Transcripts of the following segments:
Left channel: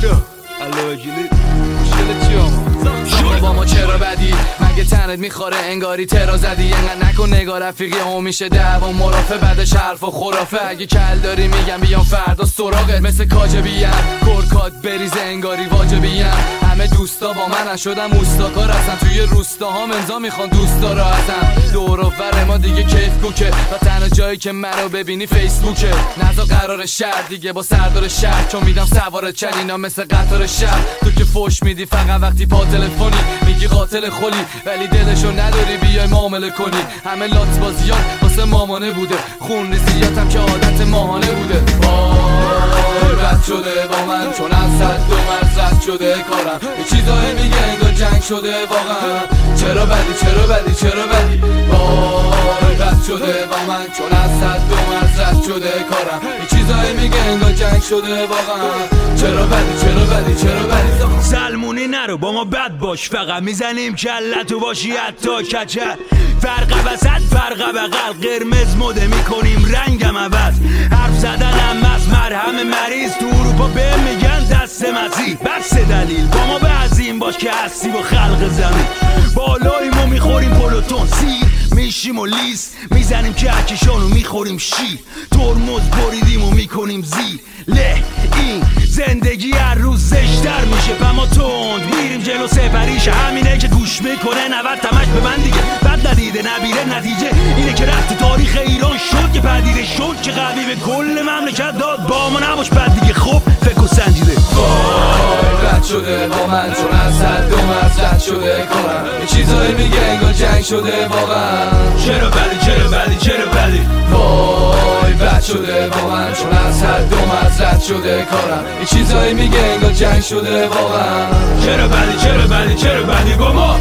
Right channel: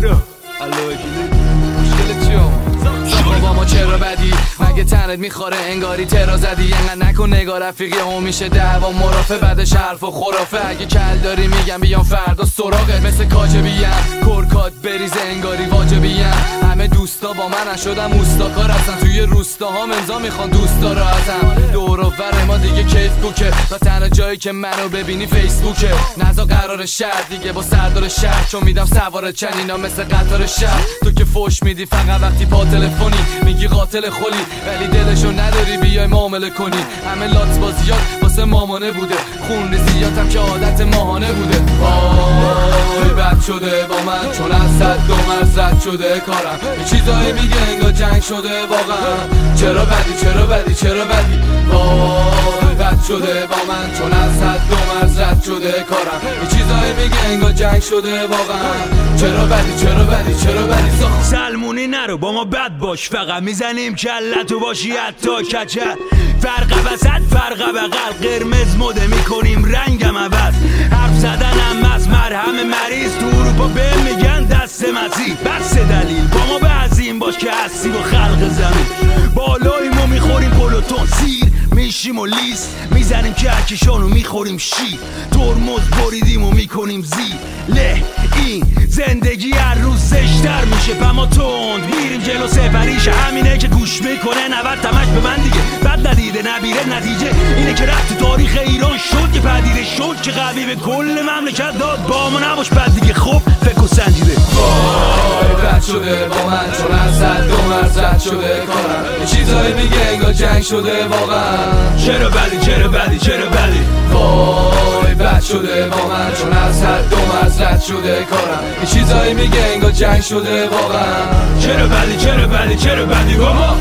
چرا؟ علاقیلی مشکل چی آما؟ با ما چرا بدی؟ مگه تنت میخوره انگاری ترا زدی؟ انقدر نکن نگاه رفیقی هم میشه دعوا مرافع بعدش حرف و خرافه. اگه کل داری میگم بیام فردا سراغت مثل کاجبیم کرکات بریزه انگاری واجبیم. همه دوستا با من شدم اوستاکار هستن توی روستاها امضا میخوان دوستا رو ازم. دور و بر ما دیگه کیف کوکه و تنها جایی که منو ببینی فیسبوکه. نزا قرار شهر دیگه با سردار شهر چون میدم سوار چنینا مثل قطار شهر. تو که فوش میدی فقط وقتی پا تلفنی میگی قاتل خلی ولی دلشو نداری بیای معامله کنی. همه لات بازیات واسه مامانه بوده خون ریزیاتم که عادت ماهانه بوده. رد شده با من چون از صد دو مرز رد شده کارم. یه چیزایی میگه انگار جنگ شده واقعا. چرا بدی چرا بدی چرا بدی؟ رد شده با من چون از صد دو مرز رد شده کارم. یه چیزایی میگه انگار جنگ شده واقعا. چرا بدی چرا بدی چرا بدی؟ سلمونی نرو با ما بد باش فقط میزنیم کلتو باشی حتی کچل. فرق وسط فرق بغل قرمز مده میکنیم رنگم عوض. حرف زدنم از مرهم مریض تو اروپا به میگن دست مسیح. بس دلیل با ما به عظیم باش که هستی با خلق زمین. بالاییم و میخوریم پلوتون سیر میشیم و لیست میزنیم کهکشانو میخوریم شیر. ترمز بریدیم و میکنیم زیر له. این زندگی هر روز زشتر میشه پما تند میریم جلو سفریشه. همینه که گوش میکنه 90 تمش به من دیگه بد ندیده نبیره. نتیجه اینه که رفت تو تاریخ ایران شد که پدیده شد که قوی به کل مملکت داد. با ما نباش بد دیگه خب فکر و سنجیده. رد شده با من چون از صد دو مرز رد شده کارم. یه چیزایی میگه انگار جنگ شده واقعا. چرا بدی چرا بدی چرا بدی؟ وای بد شده با من چون از صد دو مرز رد شده کارم. یه چیزایی میگه انگار جنگ شده واقعا. چرا بدی چرا بدی چرا بدی با ما؟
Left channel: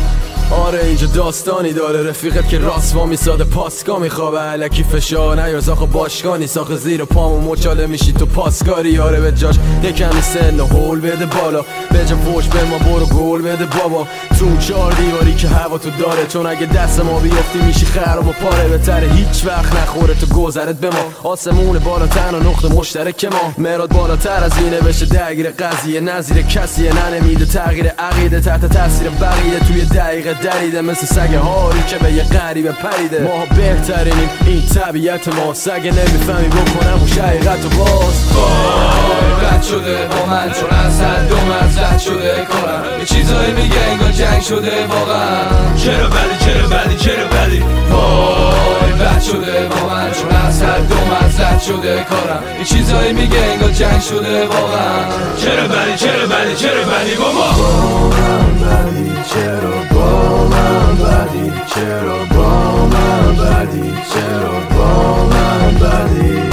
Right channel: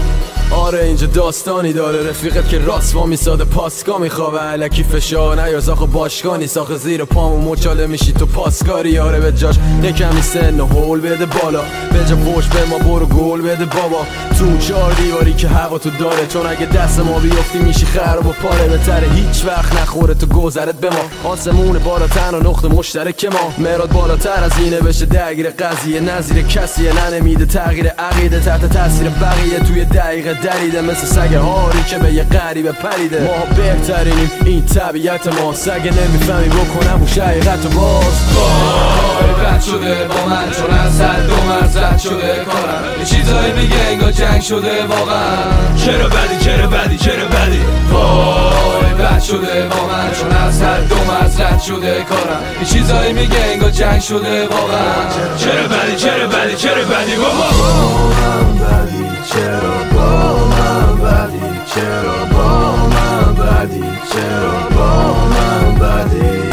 آره اینجا داستانی داره رفیقت که راست وا میساده پاسکا میخوابه علکی فشار نیاز آخه باشگاه نیست. آخه زیر پامو مچاله میشی تو پاسکاری. آره به جاش یکمی سن و هول بده بالا به جا فوش به ما برو گل بده بابا. تو اون چار دیواری که هوا تو داره چون اگه دست ما بیفتی میشی خراب و پاره. بهتره هیچ وقت نخوره تو گذرت به ما. آسمون بالاتر و نقطه مشترک ما. مراد بالاتر از اینه بشه درگیر قضیه نظیر کسیه نمیده تغییر عقیده تحت تاثیر بقیه توی دقیقه دریده مثل سگ هاری که به یه غریبه پریده. ما بهترینیم این طبیعت ما. سگ نمیفهمی بکنم و شقیقت و باز. وای رد شده با من چون از صد دو مرز رد شده کارم. یه چیزایی میگه انگار جنگ شده واقعا. چرا بدی چرا بدی چرا بدی؟ وای رد شده با من چون از صد دو مرز رد شده کارم. یه چیزایی میگه انگار جنگ شده واقعا. چرا بدی چرا بدی چرا بدی بابا؟ چرا با من بدی چرا با من بدی چرا با من بدی